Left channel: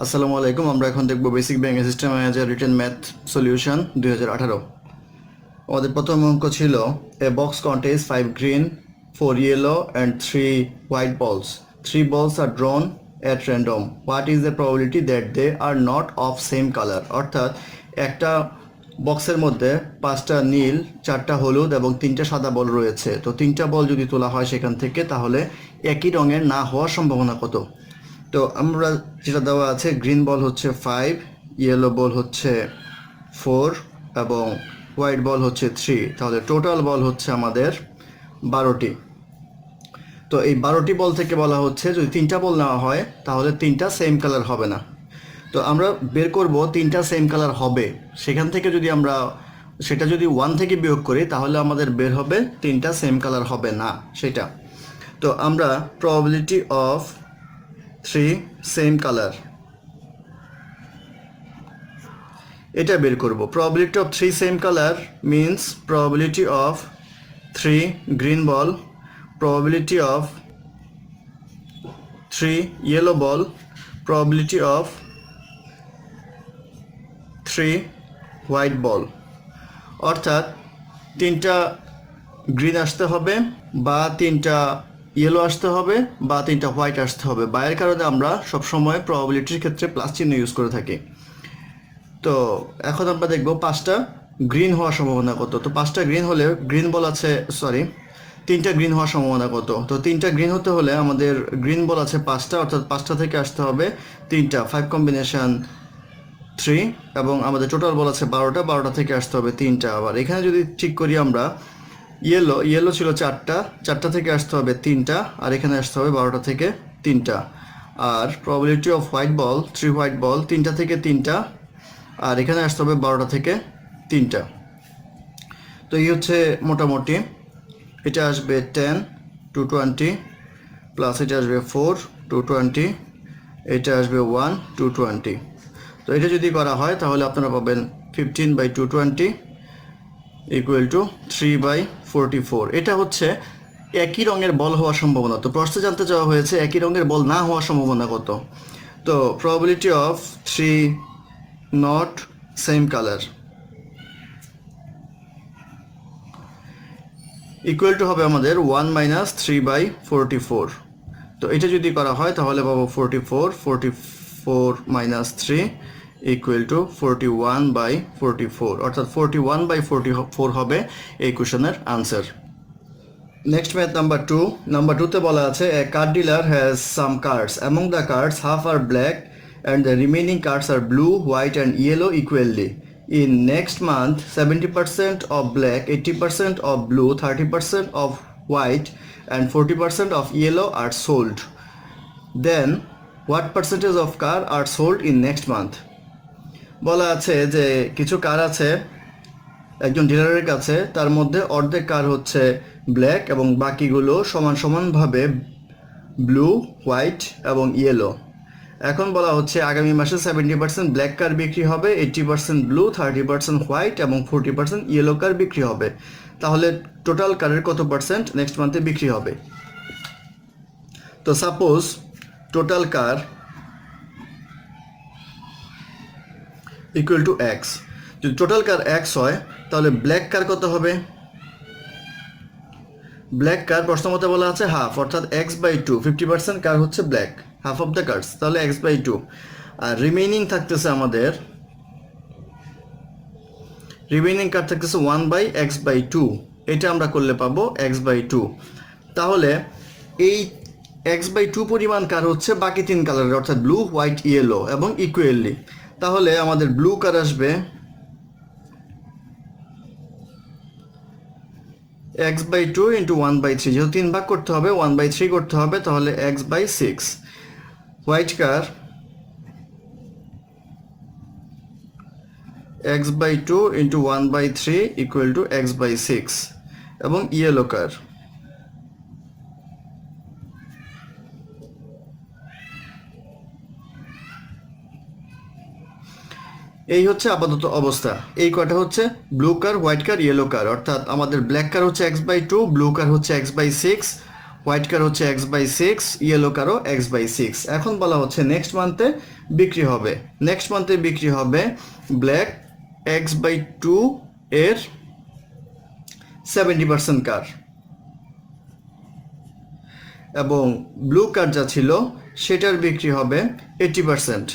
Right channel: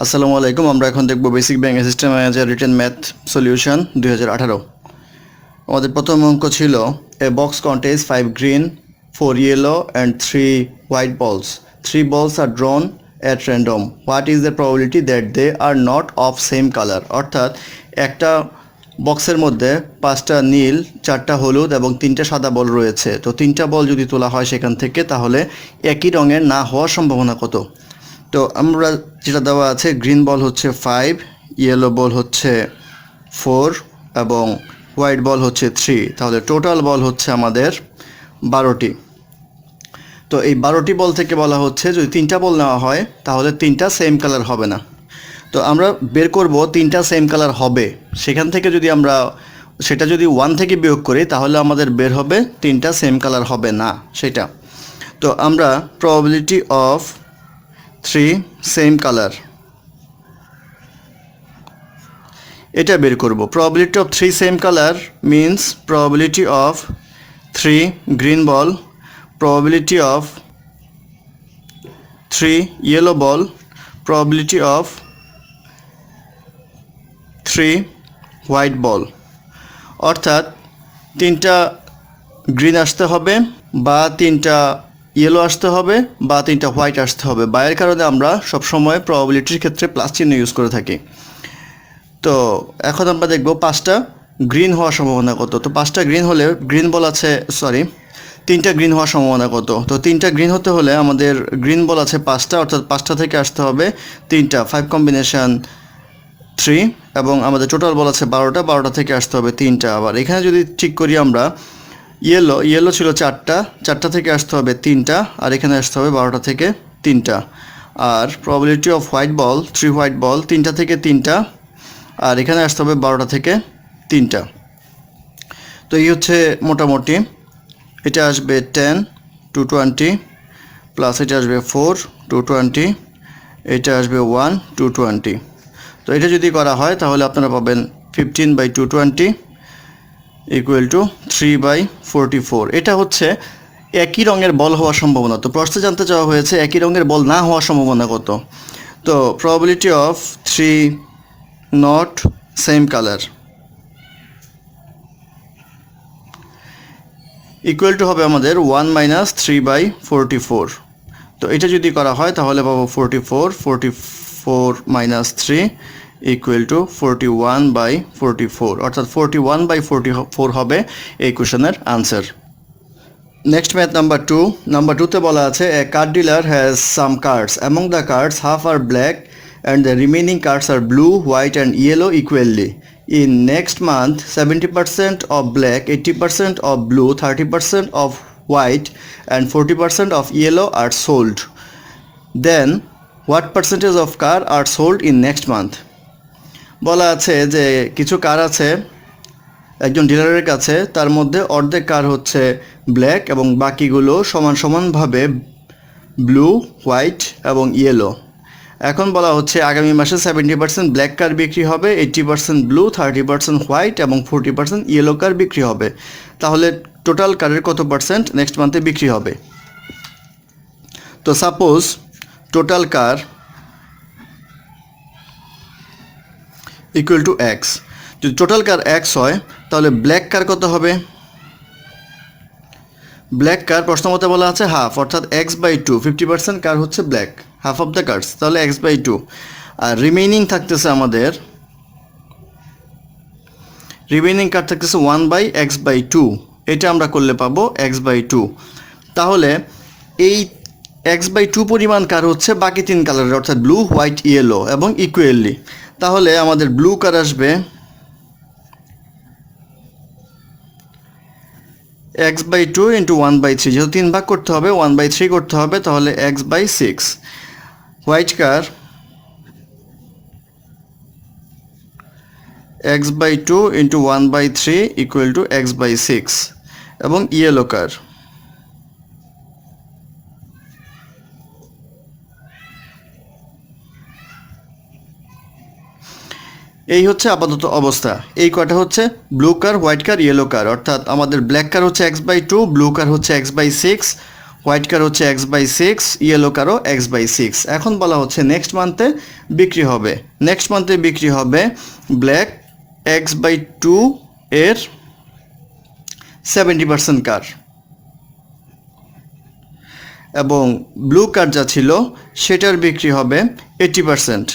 আসসালামু আলাইকুম। আমরা এখন দেখব basic bank system manager written math solution 2018। আমাদের প্রথম অঙ্ক ছিল a box contains 5 green 4 yellow and 3 white balls. 3 balls are drawn at random. What is the probability that they are not of same color? অর্থাৎ একটা বক্সের মধ্যে 5টা নীল, 4টা হলুদ এবং 3টা সাদা বল রয়েছে। তো 3টা বল যদি তোলা হয় সেখান থেকে, তাহলে একই রঙের না হওয়ার সম্ভাবনা কত? তো আমরা যেটা দেওয়া আছে, গ্রিন বল হচ্ছে 5, ইয়েলো বল হচ্ছে 4 এবং হোয়াইট বল হচ্ছে 3। তাহলে টোটাল বল হচ্ছে আমাদের 12টি। তো এই 12টি বল থেকে বলা হচ্ছে যদি 3টা বল নেওয়া হয় তাহলে 3টা সেম কালার হবে না। তো আমরা বের করব 3টা সেম কালার হবে, সেখান থেকে যদি আমরা সেটা যদি 1 থেকে বিয়োগ করি তাহলে আমাদের বের হবে 3টা সেম কালার হবে না সেটা। তো আমরা প্রবাবিলিটি অফ 3 সেম কালার এটা বের করব। Probability of 3 same colour means probability of 3 green ball, probability of 3 yellow ball, probability of 3 white ball। অর্থাৎ 3টা গ্রিন আসতে হবে বা 3টা ইয়েলো আসতে হবে বা 3টা হোয়াইট আসতে হবে। বা এর কারণে আমরা সবসময় প্রবাবিলিটির ক্ষেত্রে প্লাস চিহ্ন ইউজ করে থাকি। তো এখন আমরা দেখব 5টা গ্রিন হওয়ার সম্ভাবনা কত। তো 5টা গ্রিন হলে গ্রিন বল আছে, 3টা গ্রিন হওয়ার সম্ভাবনা কত? তো 3টা গ্রিন হতে হলে আমাদের গ্রিন বল আছে 5টা, অর্থাৎ 5টা থেকে আসতে হবে 3টা, 5 কম্বিনেশন 3, এবং আমাদের টোটাল বল আছে 12টা, 12টা থেকে আসতে হবে 3টা। আবার এখানে যদি ঠিক করি আমরা, ইয়েলো ছিল 4টা থেকে আসতে হবে 3টা, আর এখানে আসতে হবে 12টা থেকে 3টা। আর probability off white ball 3 white ball, 3টা থেকে 3টা, আর এখানে আসতে হবে 12টা থেকে 3টা। তো এই হচ্ছে মোটামুটি, এটা আসবে 10 to 20 প্লাস এটা আসবে 4 to 20, এটা আসবে 1 to 20। তো এটা যদি করা হয় তাহলে আপনারা পাবেন 15/220 ইকুয়াল টু 3/44। এটা হচ্ছে একই রঙের বল হওয়ার সম্ভাবনা। তো প্রশ্নে জানতে চাওয়া হয়েছে একই রঙের বল না হওয়ার সম্ভাবনা কত। তো probability of 3 not same colour equal to হবে আমাদের 1 - 3/44। তো এটা যদি করা হয় তাহলে পাবো 44 - 3 ইকুয়াল টু 41/44, অর্থাৎ 41/44 হবে এই কোশ্চেনের আনসার। নেক্সট ম্যাথ নাম্বার টুতে বলা আছে a card dealer has some cards, among the cards half are black and the remaining cards are blue, white and yellow equally. In next month, 70% of black, 80% of blue, 30% of white, and 40% of yellow are sold. Then, what percentage of car are sold in next month? বলা আছে যে কিছু কার আছে একজন ডিলারের কাছে, তার মধ্যে অর্ধেক কার হচ্ছে ব্ল্যাক এবং বাকিগুলো সমান সমানভাবে ব্লু, হোয়াইট এবং ইয়েলো। এখন বলা হচ্ছে আগামী মাসে 70% ব্ল্যাক কার বিক্রি হবে, 80% ব্লু, 30% হোয়াইট এবং 40% ইয়েলো কার বিক্রি হবে। তাহলে টোটাল কারের কত পার্সেন্ট নেক্সট মান্থে বিক্রি হবে? তো suppose total car equal to x. যদি টোটাল কার এক্স হয় তাহলে ব্ল্যাক কার কত হবে? ব্ল্যাক কার প্রশ্নমতে বলা আছে হাফ, অর্থাৎ x/2, 50% কার হচ্ছে black, half of the cars, তাহলে x/2। আর রিমেইনিং থাকতেছে আমাদের, রিমেইনিং কার থাকতেছে 1/x/2, এটা আমরা করলে পাবো x/2। তাহলে এই x/2 পরিমাণ কার হচ্ছে বাকি 3 কালারের, অর্থাৎ ব্লু, হোয়াইট, ইয়েলো এবং ইকুয়ালি। তাহলে আমাদের ব্লু কার আসবে x/2 ইন্টু 1/3, যেহেতু 3 ভাগ করতে হবে 1/3 করতে হবে, তাহলে x/6। White car x/2 into 1/3 equal to x/6, এবং ইয়েলো কার এই হচ্ছে আপাতত অবস্থা। এই কয়টা হচ্ছে ব্লু কার, হোয়াইট কার, ইয়েলো কার, অর্থাৎ আমাদের ব্ল্যাক কার হচ্ছে x/2, ব্লু কার হচ্ছে x/6, হোয়াইট কার হচ্ছে x/6, ইয়েলো কারও x/6। এখন বলা হচ্ছে নেক্সট মান্থে বিক্রি হবে, নেক্সট মান্থে বিক্রি হবে ব্ল্যাক x/2 এর 70% কার, এবং ব্লু কার যা ছিল সেটার বিক্রি হবে 80%,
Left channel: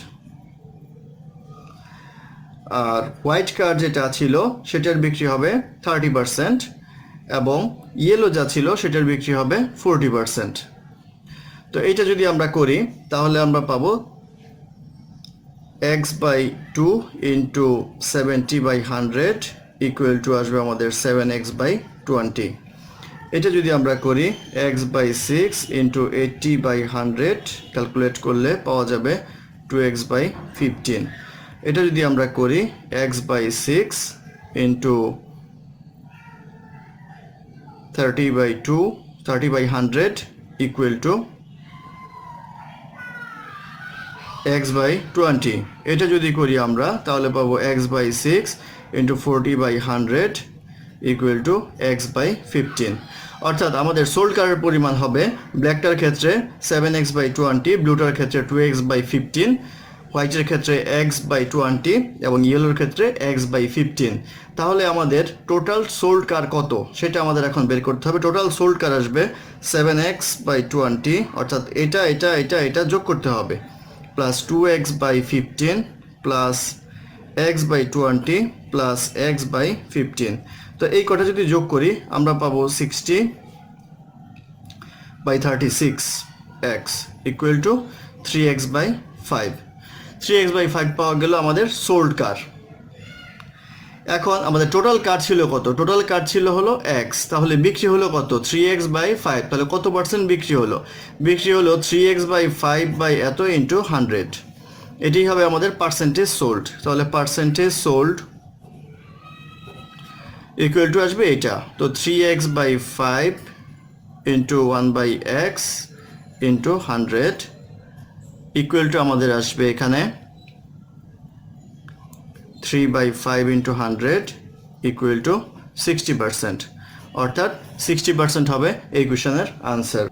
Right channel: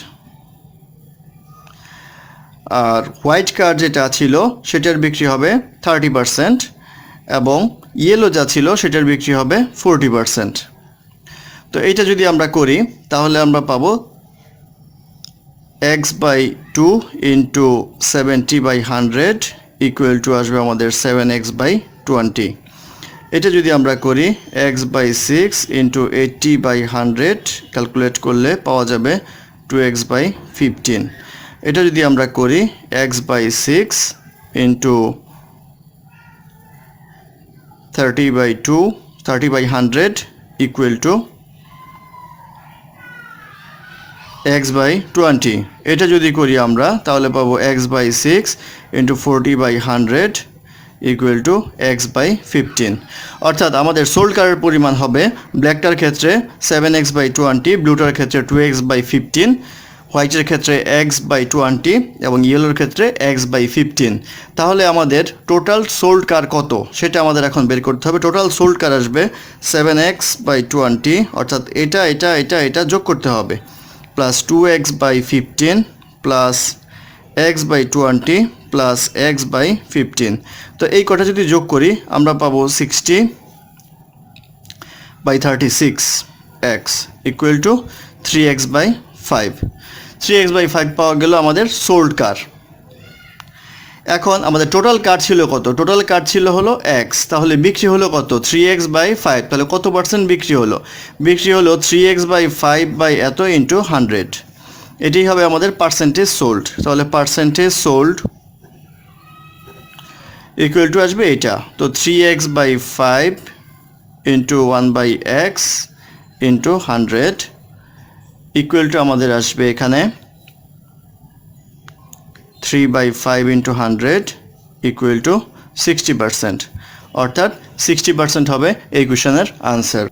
আর হোয়াইট কার যেটা ছিল সেটার বিক্রি হবে 30%, এবং ইয়েলো যা ছিল সেটার বিক্রি হবে 40%। তো এইটা যদি আমরা করি তাহলে আমরা পাবো x/2 ইন্টু 70/100 ইকুয়াল টু আসবে আমাদের 7x/20। এটা যদি আমরা করি x/6 ইন্টু 80/100 ক্যালকুলেট করলে পাওয়া যাবে 2x/15। এটা যদি আমরা করি x/6 into 30/100 equal to x/20। এটা যদি করি আমরা তাহলে পাবো x/6 into 40/100 equal to x/15। অর্থাৎ আমাদের সোল্ড কারের পরিমাণ হবে ব্ল্যাকটার ক্ষেত্রে 7x/20, ব্লুটার ক্ষেত্রে 2x/15, হোয়াইটের ক্ষেত্রে x/20 এবং ইয়েলোর ক্ষেত্রে x/15। তাহলে আমাদের টোটাল সোল্ড কার কত সেটা আমাদের এখন বের করতে হবে। টোটাল সোল্ড কার আসবে 7x/20, অর্থাৎ এটা এটা এটা এটা যোগ করতে হবে, plus 2x/15 plus x/20 plus x/15। তো এই কটা যদি যোগ করি আমরা পাবো 60/36x equal to 3x/5। 3x/5 পাওয়া গেল আমাদের সোল্ড কার। এখন আমাদের টোটাল কার ছিল কত? টোটাল কার ছিল হলো x, তাহলে বিক্রি হলো কত? 3x/5। তাহলে কত পার্সেন্ট বিক্রি হলো? বিক্রি হলো 3x/5 বাই এত ইন্টু 100। এটাই হবে আমাদের পার্সেন্টেজ সোল্ড। তাহলে পার্সেন্টেজ সোল্ড ইকুয়াল টু আসবে এটা। তো 3x/5 into 1/x into 100 equal to আমাদের আসবে এখানে 3/5 ইন্টু 100 ইকুয়াল টু 60%, অর্থাৎ 60% হবে এই কোয়েশনের answer.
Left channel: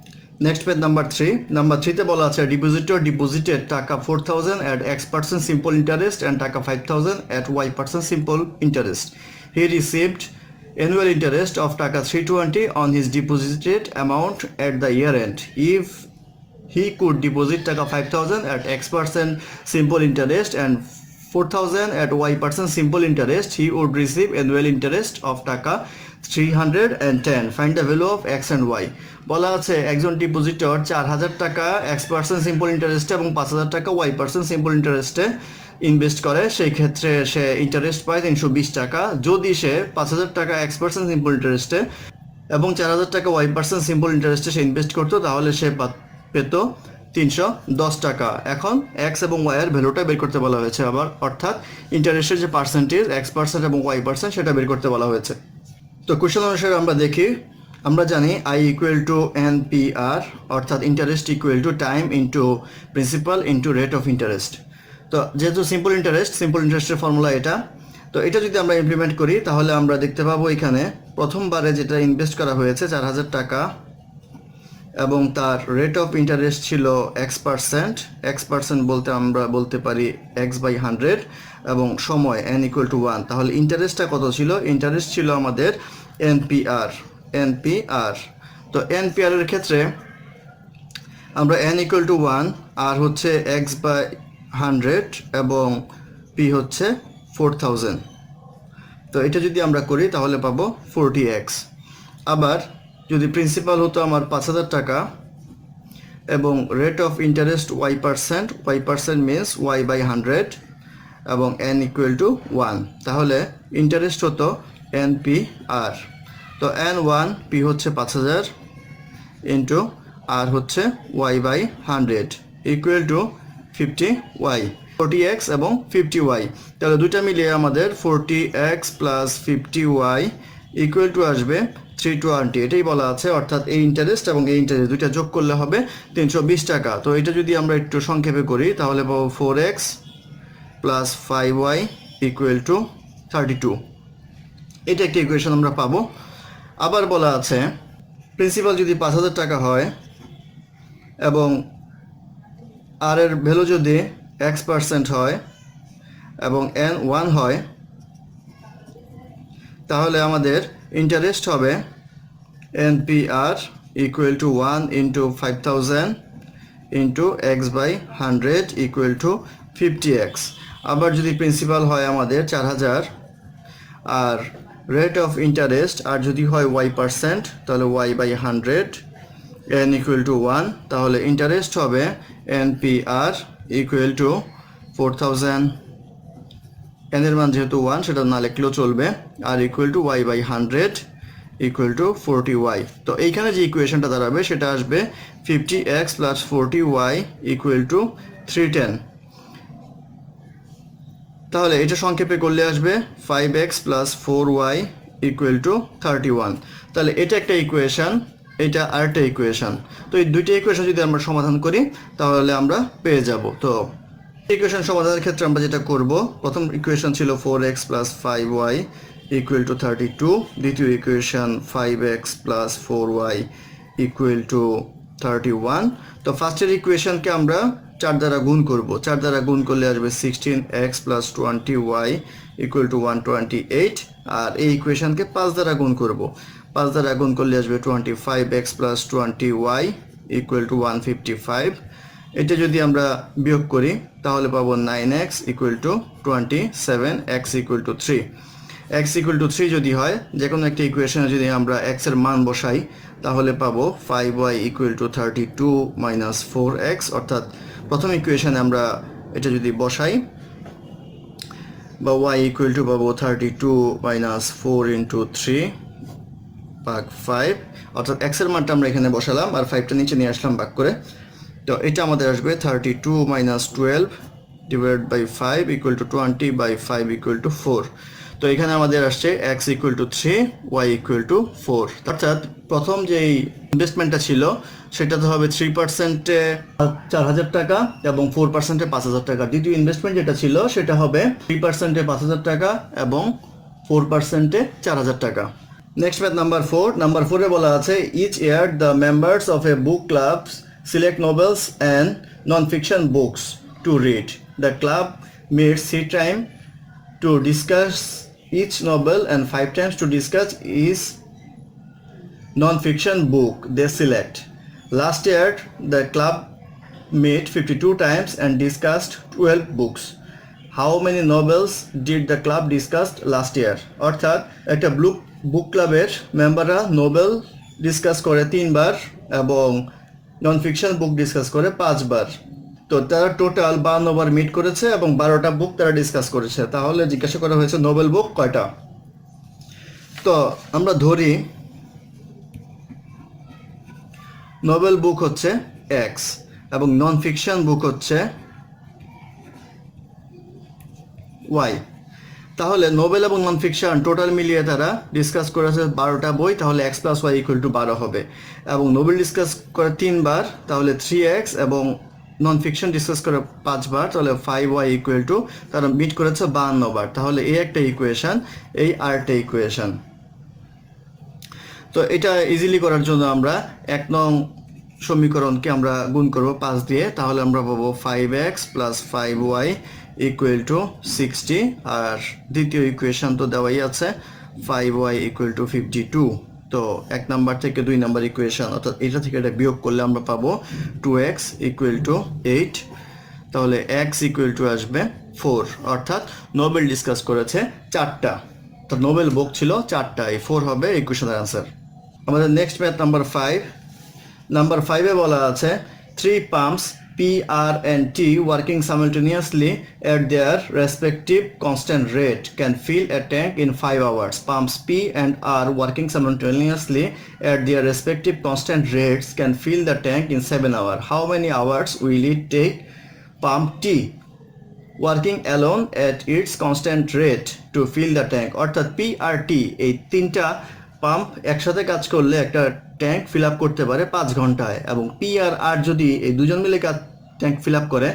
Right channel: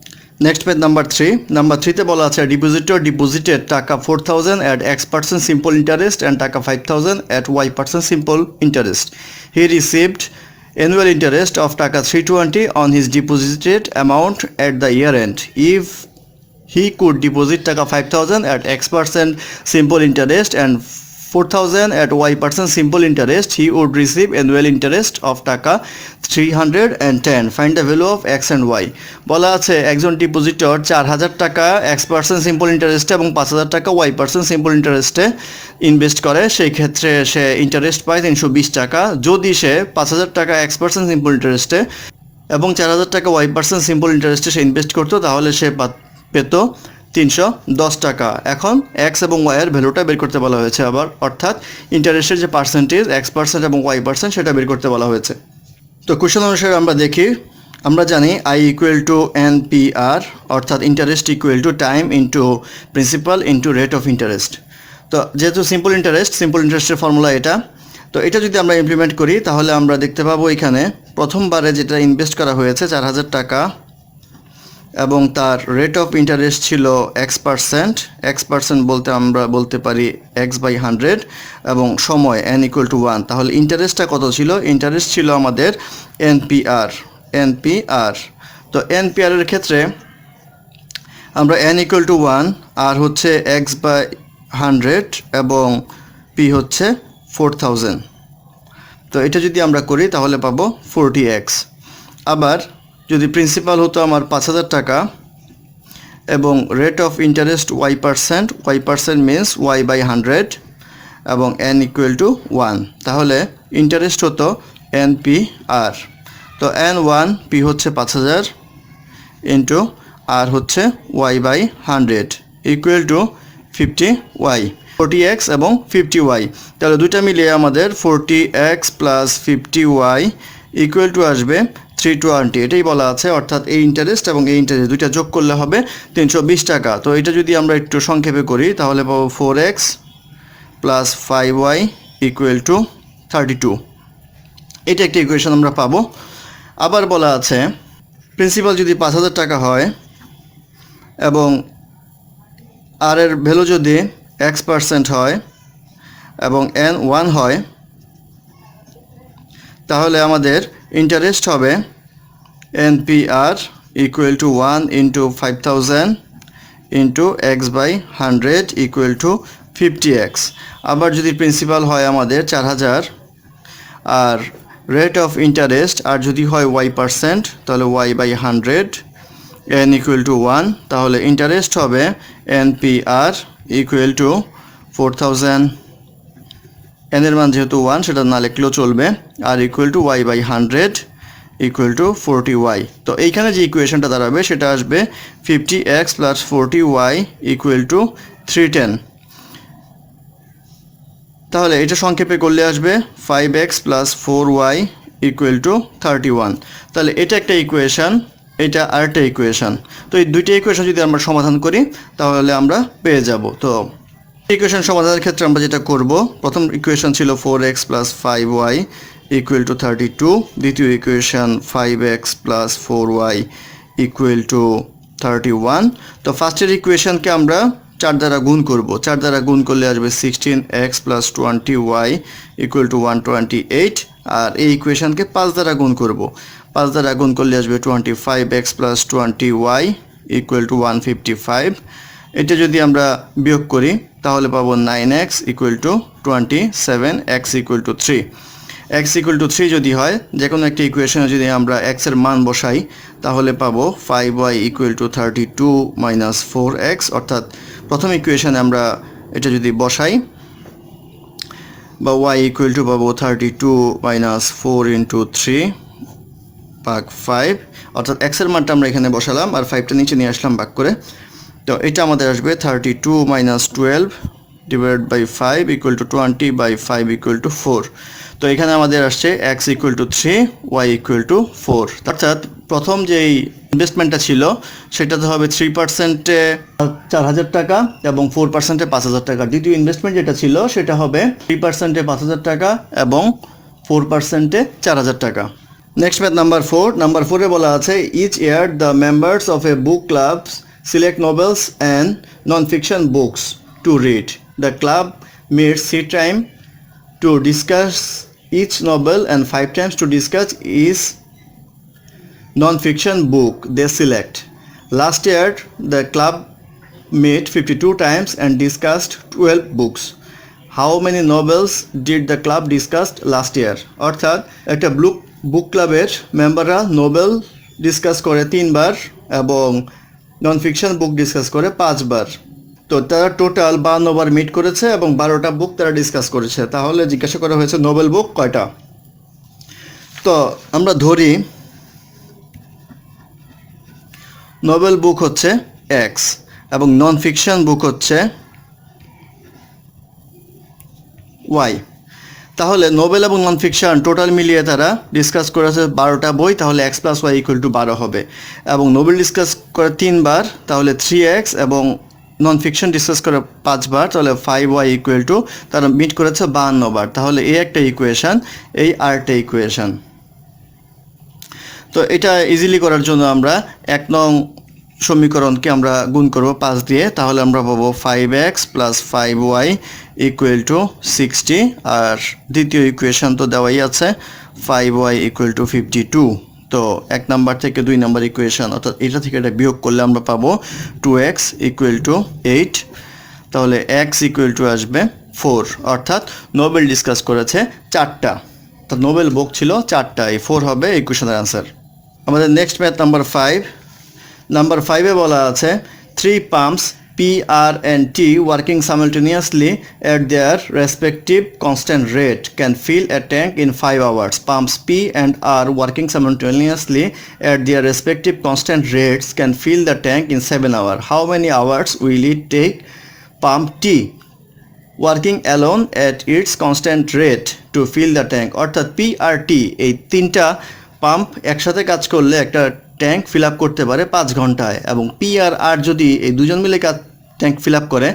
Next page number 3। Number 3তে বলা আছে depositor deposited taka 4,000 at x% simple interest and taka 5,000 at y% simple interest. He received annual interest of টাকা 320 on his deposited amount at the year end. If he could deposit টাকা 5,000 at x% simple interest and 4,000 at y% simple interest, he would receive annual interest of টাকা 310. Find the value of x and y. বলা আছে একজন depositor 4,000 টাকা x% simple ইন্টারেস্টে এবং 5,000 টাকা y% simple ইন্টারেস্টে ইনভেস্ট করে, সেই ক্ষেত্রে সে ইন্টারেস্ট পায় 320 টাকা। যদি সে 5,000 টাকা x% সিম্পল ইন্টারেস্টে এবং 4,000 টাকা y% সিম্পল ইন্টারেস্টে সে ইনভেস্ট করতো তাহলে সে পেত 310 টাকা। এখন এক্স এবং ওয়াই এর ভ্যালুটা বের করতে বলা হয়েছে আবার, অর্থাৎ ইন্টারেস্টের যে পার্সেন্টেজ x% এবং y% সেটা বের করতে বলা হয়েছে। তো কোশ্চেন অনুসারে আমরা দেখি, আমরা জানি I ইকুয়াল টু NPR, অর্থাৎ interest equal to time into principal into rate of interest. তো যেহেতু সিম্পল ইন্টারেস্টের ফর্মুলা এটা, তো এটা যদি আমরা ইমপ্লিমেন্ট করি তাহলে আমরা দেখতে পাবো এখানে প্রথমবারে যেটা ইনভেস্ট করা হয়েছে 4,000 টাকা এবং তার রেট অফ ইন্টারেস্ট ছিল x%, বলতে আমরা বলতে পারি x/100 এবং সময় n ইকুয়াল টু 1। তাহলে ইন্টারেস্টটা কত ছিল? ইন্টারেস্ট ছিল আমাদের NPR। তো NPR এর ক্ষেত্রে আমরা n ইকুয়াল টু 1, আর হচ্ছে x/100 এবং p হচ্ছে 4,000। তো এটা যদি আমরা করি তাহলে পাবো 40x। আবার যদি প্রিন্সিপাল হতো আমার 5,000 টাকা এবং rate of interest y% means y/100 এবং n ইকুয়াল টু 1, তাহলে ইন্টারেস্ট হতো NPR। তো n1 p হচ্ছে 5,000 ইন্টু আর হচ্ছে y/100 equal to 50y, 40x এবং 50y। তাহলে দুইটা মিলিয়ে আমাদের 40x plus 50y equal to আসবে 320। এটাই বলা আছে, অর্থাৎ এই ইন্টারেস্ট এবং এই ইন্টারেস্ট দুইটা যোগ করলে হবে 320 টাকা। তো এটা যদি আমরা একটু সংক্ষেপে করি তাহলে পাবো 4x plus 5y equal to 32। এটা একটা ইকুয়েশন আমরা পাবো। আবার বলা আছে প্রিন্সিপাল যদি 5,000 টাকা হয় এবং আর এর ভ্যালু যদি x% হয় এবং n 1 হয়, তাহলে আমাদের ইন্টারেস্ট হবে NPR equal to 1 into 5,000 into x by 100 equal to 50x। আবার যদি প্রিন্সিপাল হয় আমাদের 4,000 আর রেট অফ ইন্টারেস্ট আর যদি হয় y%, তাহলে y by 100 n equal to 1, তাহলে ইন্টারেস্ট হবে NPR equal to 4,000, n এর মান যেহেতু 1 সেটা না লিখলেও চলবে, আর equal to y by 100 equal to 40y। তো এইখানে যে ইকুয়েশনটা দাঁড়াবে সেটা আসবে 50x plus 40y equal to 310। তাহলে এটা সংক্ষেপে করলে আসবে 5x plus 4y equal to 31। তাহলে এটা একটা ইকুয়েশন, এটা আরেকটা ইকুয়েশন। তো এই দুইটা ইকুয়েশন যদি আমরা সমাধান করি তাহলে আমরা পেয়ে যাব। তো ইকুয়েশন সমাধানের ক্ষেত্রে আমরা যেটা করব, প্রথম ইকুয়েশন ছিল 4x plus 5y equal to 32, দ্বিতীয় equation 5x plus 4y equal to 31। তো ফার্স্টের ইকুয়েশনকে আমরা 4 দ্বারা গুণ করব, 4 দ্বারা গুণ করলে আসবে 16x plus 20y equal to 128, আর এই ইকুয়েশনকে 5 দ্বারা গুণ করব, 5 দ্বারা গুণ করলে আসবে 25x plus 20y equal to 155। এটা যদি আমরা বিয়োগ করি তাহলে পাবো 9x equal to 27, x equal to 3। x equal to 3 যদি হয়, যে কোনো একটা ইকুয়েশনে যদি আমরা x এর মান বসাই তাহলে পাবো 5y equal to 32 minus 4x, অর্থাৎ প্রথম ইকুয়েশনে আমরা এটা যদি বসাই বা y equal to পাবো 32 minus 4 into 3 ভাগ 5, অর্থাৎ x এর মানটা আমরা এখানে বসালাম আর 5টা নিচে নিয়ে আসলাম ভাগ করে। তো এটা আমাদের আসবে 32 minus 12 divided by 5 equal to 20 by 5 equal to 4। তো এখানে আমাদের আসছে x equal to 3, y equal to 4। অর্থাৎ প্রথম যেই ইনভেস্টমেন্টটা ছিল সেটাতে হবে 3%-এ 4,000 টাকা এবং 4%-এ 5,000 টাকা। দ্বিতীয় ইনভেস্টমেন্ট যেটা ছিল সেটা হবে 3%-এ 5,000 টাকা এবং 4%-এ 4,000 টাকা। Next math number 4। নাম্বার 4-এ বলা আছে each year the members of a book club select novels and non-fiction books to read. The club meets 3 times to discuss each novel and 5 times to discuss each non-fiction book they select. Last year, the club met 52 times and discussed 12 books. How many novels did the club discuss last year? অর্থাৎ একটা বুক ক্লাবের মেম্বাররা Nobel discuss করে 3 বার এবং non fiction বুক discuss করে 5 বার। তো তারা total 52 বার meet করেছে এবং 12টা বুক তারা ডিসকাস করেছে। তাহলে জিজ্ঞাসা করা হয়েছে নোবেল বুক কয়টা। তো আমরা ধরি নোবেল বুক হচ্ছে x এবং নন ফিকশন বুক হচ্ছে y। তাহলে নোবেল এবং নন ফিকশন টোটাল মিলিয়ে তারা ডিসকাস করেছে 12টা বই, তাহলে x plus y equal to 12 হবে। এবং নোবেল ডিসকাস করে 3 বার, তাহলে 3x, এবং নন ফিকশন ডিসকাস করে 5 বার, তাহলে 5y equal to তারা মিট করেছে 52 বার। তাহলে এই একটা ইকুয়েশন, এই আরেকটা ইকুয়েশন। তো এটা ইজিলি করার জন্য আমরা 1 নং সমীকরণকে আমরা গুণ করব 5 দিয়ে, তাহলে আমরা পাবো 5x plus 5y equal to 60, আর দ্বিতীয় ইকুয়েশন তো দেওয়াই আছে 5y equal to 52। তো 1 নাম্বার থেকে 2 নাম্বার ইকুয়েশন, অর্থাৎ এটা থেকে এটা বিয়োগ করলে আমরা পাবো 2x equal to 8, তাহলে x equal to আসবে 4। অর্থাৎ নোবেল ডিসকাস করেছে 4টা, তো নোবেল বুক ছিল 4টা, এই 4 হবে ইকুয়েশনের আনসার। আমাদের নেক্সট ম্যাথ নাম্বার 5। নাম্বার 5-এ বলা আছে 3 pumps P, R and T working simultaneously at their respective constant rate can fill a tank in 5 hours. Pumps P and R working simultaneously at their respective constant rates can fill the tank in 7 hours. How many hours will it take pump T working alone at its constant rate to fill the tank? অর্থাৎ P আর T এই 3টা pump একসাথে কাজ করলে একটা tank fill up করতে পারে 5 ঘন্টায়, এবং পি আর আর যদি এই দুজন মিলে ট্যাঙ্ক ফিল আপ করে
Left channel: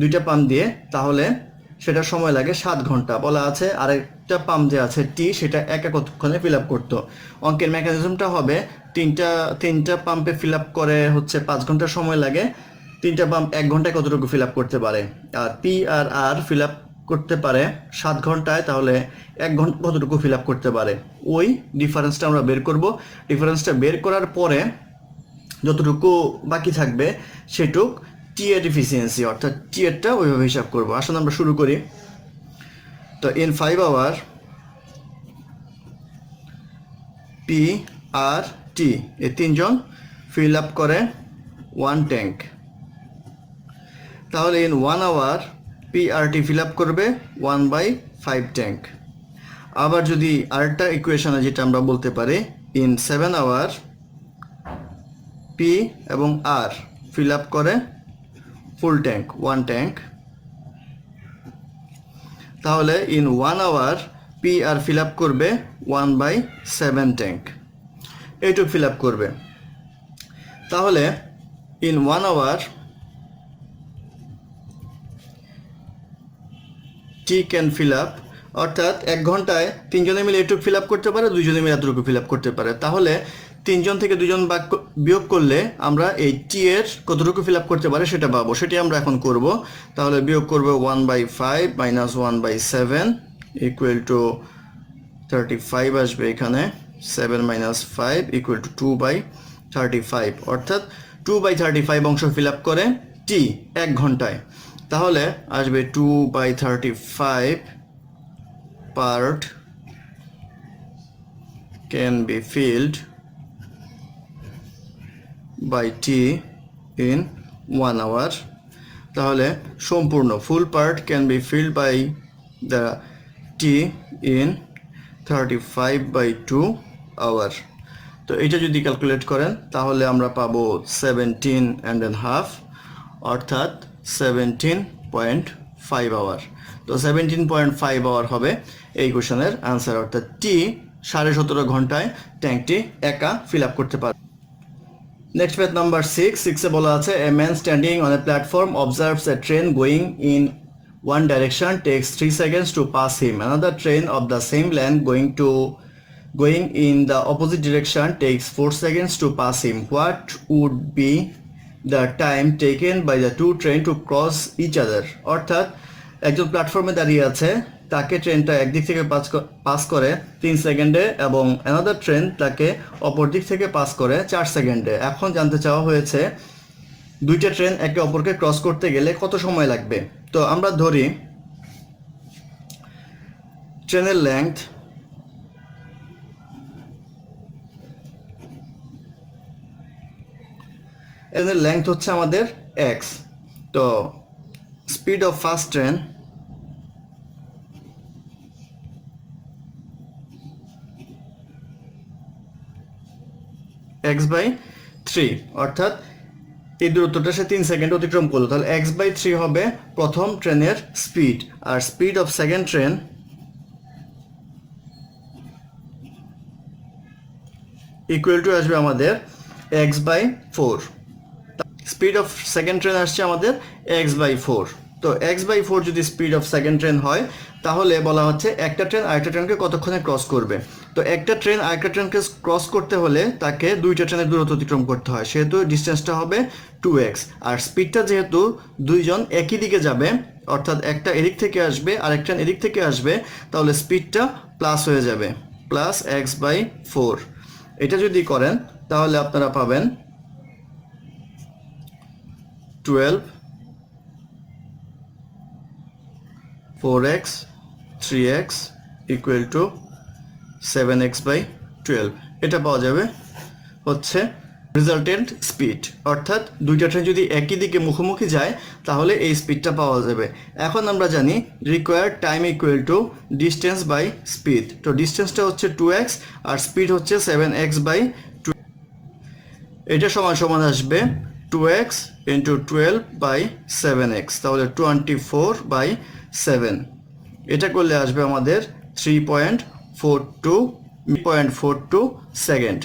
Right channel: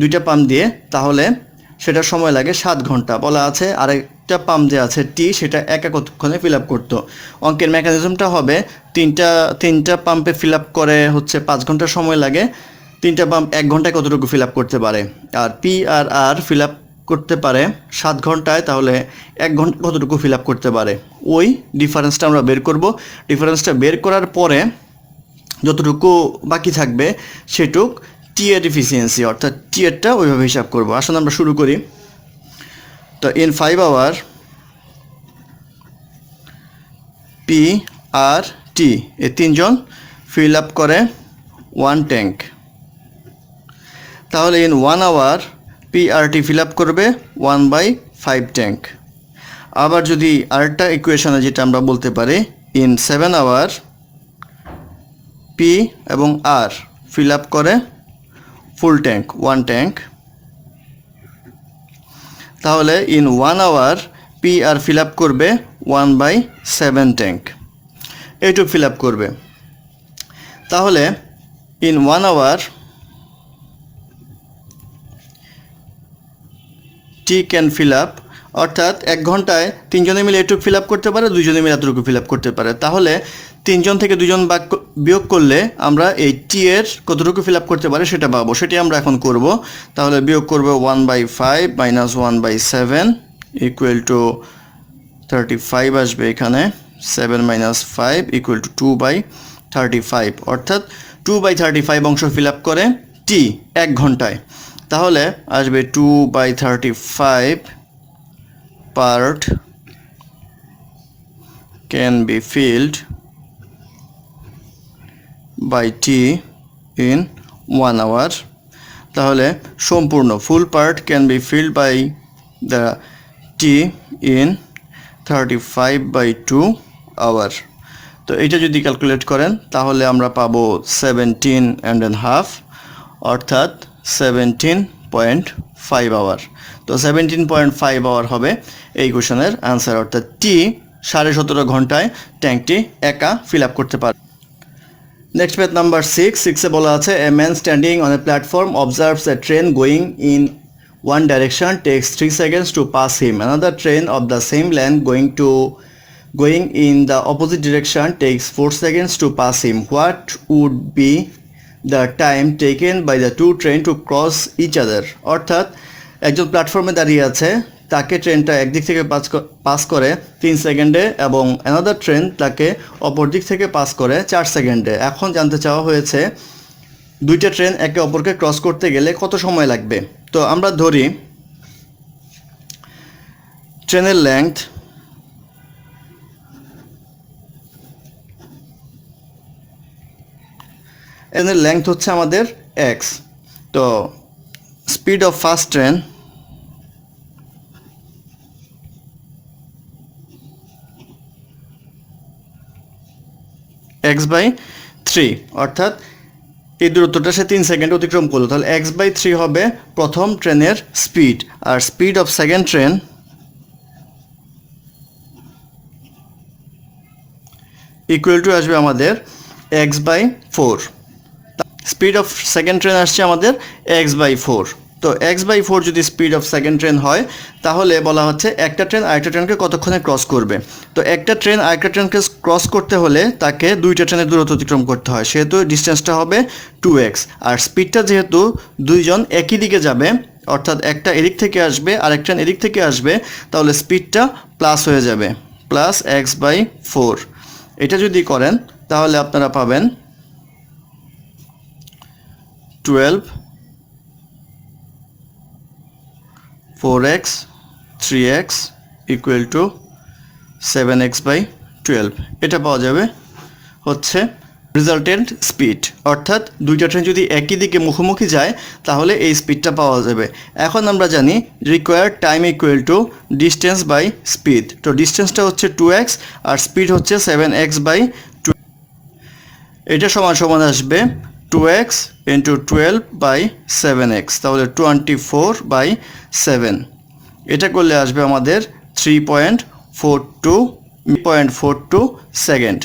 দুইটা পাম্প দিয়ে, তাহলে সেটার সময় লাগে 7 ঘন্টা বলা আছে। আরেকটা পাম্প যে আছে টি, সেটা কতক্ষণে ফিল আপ করতো। অঙ্কের মেকানিজমটা হবে তিনটা পাম্পে ফিল আপ করে হচ্ছে 5 ঘন্টা সময় লাগে, 3টা পাম্প 1 ঘন্টায় কতটুকু ফিল আপ করতে পারে। আর পি আর আর ফিল আপ করতে পারে 7 ঘন্টায়, তাহলে 1 ঘন্টা কতটুকু ফিল আপ করতে পারে। ওই ডিফারেন্সটা আমরা বের করব। ডিফারেন্সটা বের করার পরে যতটুকু বাকি থাকবে সেটুক টি এর এফিসিয়েন্সি, অর্থাৎ টি এরটা ওইভাবে হিসাব করব। আসলে আমরা শুরু করি। তো in 5 hour P R T এই তিনজন ফিল আপ করে 1 ট্যাঙ্ক। তাহলে in 1 hour P R T fill up করবে 1/5 ট্যাঙ্ক। আবার যদি আরেকটা ইকুয়েশনে যেটা আমরা বলতে পারি, ইন 7 আওয়ার পি এবং আর ফিল আপ করে ফুল ট্যাঙ্ক 1 ট্যাঙ্ক। তাহলে in 1 hour P R fill up করবে 1/7 ট্যাঙ্ক, এইটুকু ফিল আপ করবে। তাহলে in 1 hour T can fill up, অর্থাৎ 1 ঘন্টায় 3 জনে মিলে এটুকু ফিল আপ করতে পারে, 2 জনে মিলে এতটুকু ফিল আপ করতে পারে। তাহলে 3 জন থেকে 2 জন বিয়োগ করলে আমরা এই টি এর কতটুকু ফিল আপ করতে পারে সেটা পাবো। সেটি আমরা এখন করব। তাহলে বিয়োগ করব 1/5 মাইনাস 1/7 ইকুয়াল টু 35 আসবে এখানে। 7 মাইনাস 5 ইকুয়াল টু 2/35, অর্থাৎ 2/35 অংশ ফিল আপ করে টি 1 ঘন্টায়। তাহলে আসবে 2/35 part can be filled by T in 1 hour. তাহলে সম্পূর্ণ full part can be filled by the T in 35/2 hour. তো এটা যদি ক্যালকুলেট করেন তাহলে আমরা পাবো 17.5, অর্থাৎ 17.5 আওয়ার। তো 17.5 আওয়ার হবে এই কোশ্চেনের আনসার, অর্থাৎ টি 17.5 ঘন্টায় ট্যাঙ্কটি একা ফিল আপ করতে পারে। নেক্সট পেজ নাম্বার 6 বলা আছে a man standing on a platform observes A train going in one direction takes 3 seconds to pass him. Another train of the same length going in the opposite direction takes 4 seconds to pass him. What would be the time taken by the two trains to cross each other? অর্থাৎ একজন প্ল্যাটফর্মে দাঁড়িয়ে আছে, তাকে ট্রেনটা একদিক থেকে pass করে 3 সেকেন্ডে এবং অ্যানাদার ট্রেন তাকে অপর দিক থেকে পাস করে 4 সেকেন্ডে। এখন জানতে চাওয়া হয়েছে দুইটা ট্রেন একে অপরকে ক্রস করতে গেলে কত সময় লাগবে। তো আমরা ধরি ট্রেনের লেংথ হচ্ছে আমাদের x। তো speed of first train x/3, অর্থাৎ এই দূরত্বটা সে 3 সেকেন্ড অতিক্রম করলো। তাহলে x/3 হবে প্রথম ট্রেনের স্পিড, আর speed of second train equal to আসবে আমাদের x/4। Speed of second train আসছে আমাদের x/4। তো x/4 যদি স্পিড অফ সেকেন্ড ট্রেন হয় তাহলে বলা হচ্ছে একটা ট্রেন আরেকটা ট্রেনকে কতক্ষণে ক্রস করবে। তো একটা ট্রেন আরেকটা ট্রেনকে ক্রস করতে হলে তাকে দুইটা ট্রেনের দূরত্ব অতিক্রম করতে হয়, সেহেতু ডিস্টেন্সটা হবে 2x। আর স্পিডটা যেহেতু দুইজন একই দিকে যাবে, অর্থাৎ একটা এদিক থেকে আসবে আর একটা এদিক থেকে আসবে, তাহলে স্পিডটা প্লাস হয়ে যাবে, প্লাস x/4। এটা যদি করেন তাহলে আপনারা পাবেন 12 4x 3x equal to 7x/12। এটা পাওয়া যাবে হচ্ছে রেজাল্টেন্ট স্পিড, অর্থাৎ দুইটা ট্রেন যদি একই দিকে মুখোমুখি যায় তাহলে এই স্পিডটা পাওয়া যাবে। এখন আমরা জানি required time equal to distance by speed. তো ডিস্টেন্সটা হচ্ছে 2x আর স্পিড হচ্ছে 7x/12। এটা সমান আসবে 2x ইন্টু 12/7x, তাহলে 24/7। এটা করলে আসবে আমাদের 3.42 সেকেন্ড।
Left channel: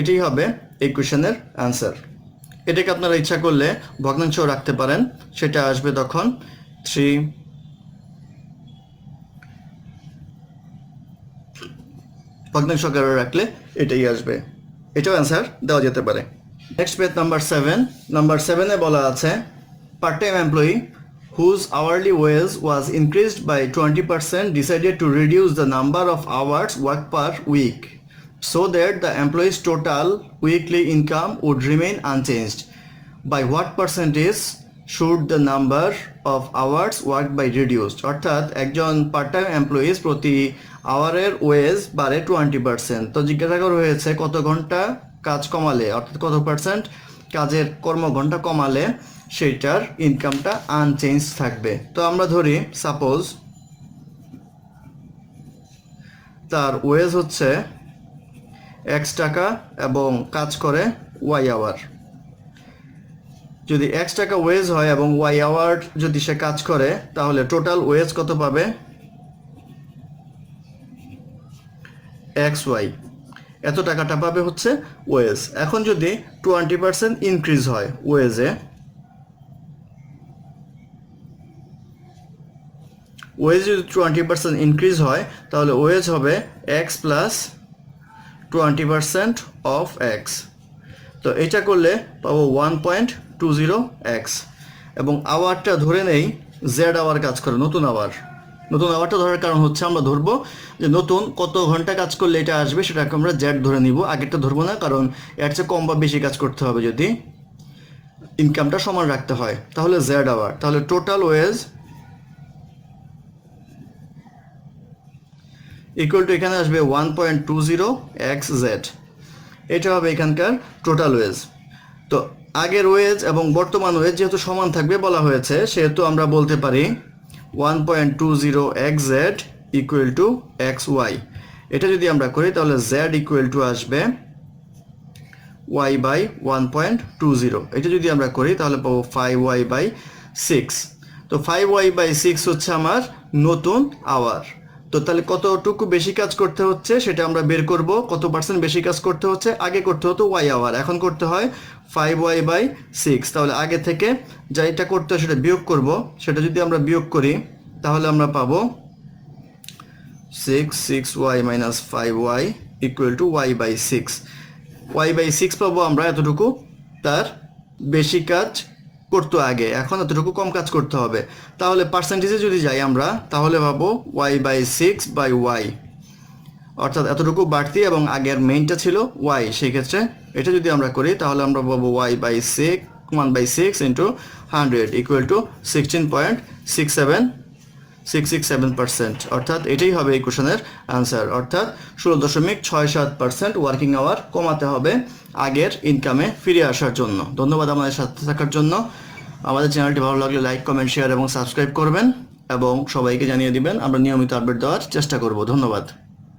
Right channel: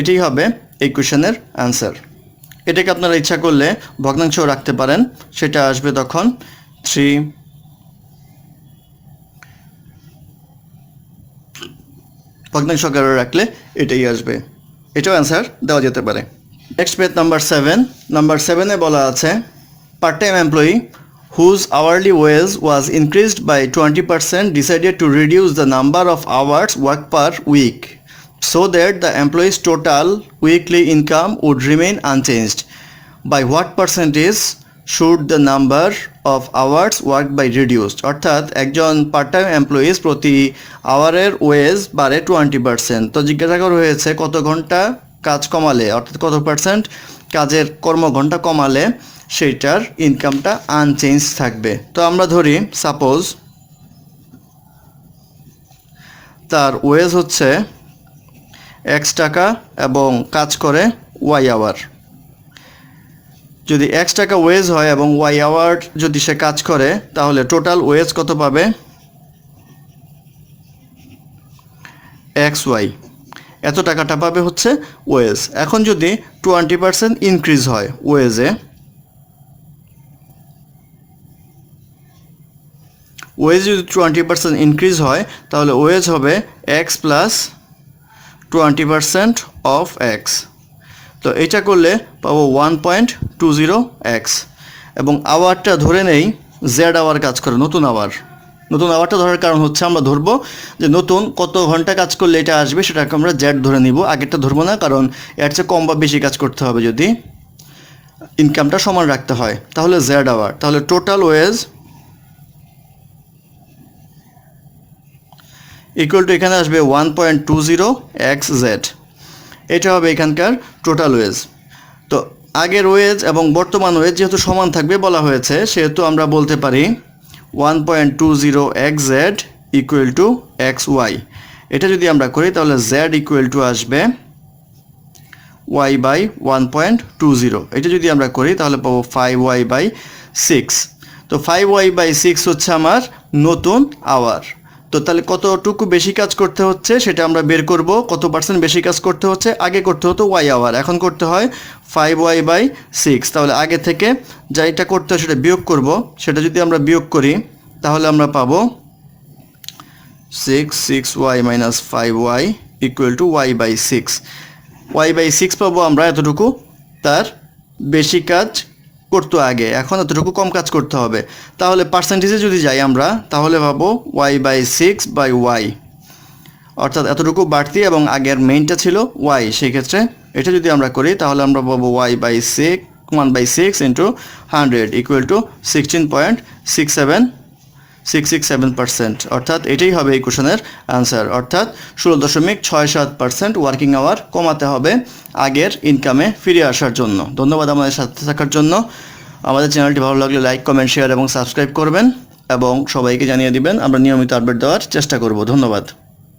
এটাই হবে এই কোশ্চেনের আনসার। এটাকে আপনারা ইচ্ছা করলে ভগ্নাংশ রাখতে পারেন, সেটা আসবে তখন 3 ভগ্নাংশ আকারে রাখলে এটাই আসবে, এটাও অ্যান্সার দেওয়া যেতে পারে। Next page number 7। নাম্বার 7-এ বলা আছে part time employee whose hourly wage was increased by 20% decided to reduce the number of hours worked per week so that the employee's total weekly income would remain unchanged. By what percentage should the number of hours worked by reduced? অর্থাৎ একজন part time employees প্রতি আওয়ারের wedge বাড়ে 20%। তো জিজ্ঞাসা করা হয়েছে কত ঘন্টা কাজ কমালে, অর্থাৎ কত পার্সেন্ট কাজের কর্মঘণ্টা কমালে সেইটার ইনকামটা আনচেঞ্জ থাকবে। তো আমরা ধরি সাপোজ তার ওয়েজ হচ্ছে X টাকা এবং কাজ করে Y আওয়ার। যদি X টাকা ওয়েজ হয় এবং Y আওয়ার যদি সে কাজ করে তাহলে টোটাল ওয়েজ কত পাবে? XY, এত টাকাটা পাবে হচ্ছে ওয়েজ। এখন যদি 20% ইনক্রিজ হয় ওয়েজে, ওয়েজ যদি 20% ইনক্রিজ হয় তাহলে ওয়েজ হবে X প্লাস 20% অফ X। তো এইটা করলে পাবো 1.20x এবং আওয়ারটা ধরে নেই জেড আওয়ার কাজ করে, নতুন আওয়ারটা ধরার কারণ হচ্ছে আমরা ধরবো যে নতুন কত ঘন্টা কাজ করলে এটা আসবে সেটাকে আমরা জেড ধরে নিব, আগেরটা ধরবো না, কারণ এর চেয়ে কম বা বেশি কাজ করতে হবে যদি ইনকামটা সমান রাখতে হয়। তাহলে জেড আওয়ার, তাহলে টোটাল ওয়েজ ইকুয়াল টু এখানে আসবে 1.20xz, এটা হবে এখানকার টোটাল ওয়েজ। তো আগের ওয়েজ এবং বর্তমান ওয়েজ যেহেতু সমান থাকবে বলা হয়েছে, সেহেতু আমরা বলতে পারি 1.20xz ইকুয়াল টু xy। এটা যদি আমরা করি তাহলে z ইকুয়াল টু আসবে y বাই 1.20। এটা যদি আমরা করি তাহলে পাবো 5y/6। তো 5y/6 হচ্ছে আমার নতুন আওয়ার। তো তাহলে কতটুকু বেশি কাজ করতে হচ্ছে সেটা আমরা বের করব, কত পার্সেন্ট বেশি কাজ করতে হচ্ছে। আগে করতে হতো y আওয়ার, এখন করতে হয় 5y/6। তাহলে আগে থেকে যা এটা করতে হয় সেটা বিয়োগ করব, সেটা যদি আমরা বিয়োগ করি তাহলে আমরা পাবো 6y - 5y equal to y/6। y/6 পাবো আমরা এতটুকু তার বেশি কাজ করতো আগে, এখন এতটুকু কম কাজ করতে হবে। তাহলে পার্সেন্টেজে যদি যাই আমরা তাহলে পাবো y/6/y, অর্থাৎ এতটুকু বাড়তি এবং আগের মেইনটা ছিল y, সেই ক্ষেত্রে এটা যদি আমরা করি তাহলে আমরা পাবো y/6 1/6 ইন্টু 100 ইকুয়াল টু 16.667%। অর্থাৎ এটাই হবে এই কোশ্চেনের আনসার। অর্থাৎ 16.67% ওয়ার্কিং আওয়ার কমাতে হবে আগের ইনকামে ফিরে আসার জন্য। ধন্যবাদ আমাদের সাথে থাকার জন্য। আমাদের চ্যানেলটি ভালো লাগলে লাইক, কমেন্ট, শেয়ার এবং সাবস্ক্রাইব করবেন এবং সবাইকে জানিয়ে দিবেন। আমরা নিয়মিত আপডেট দেওয়ার চেষ্টা করব। ধন্যবাদ।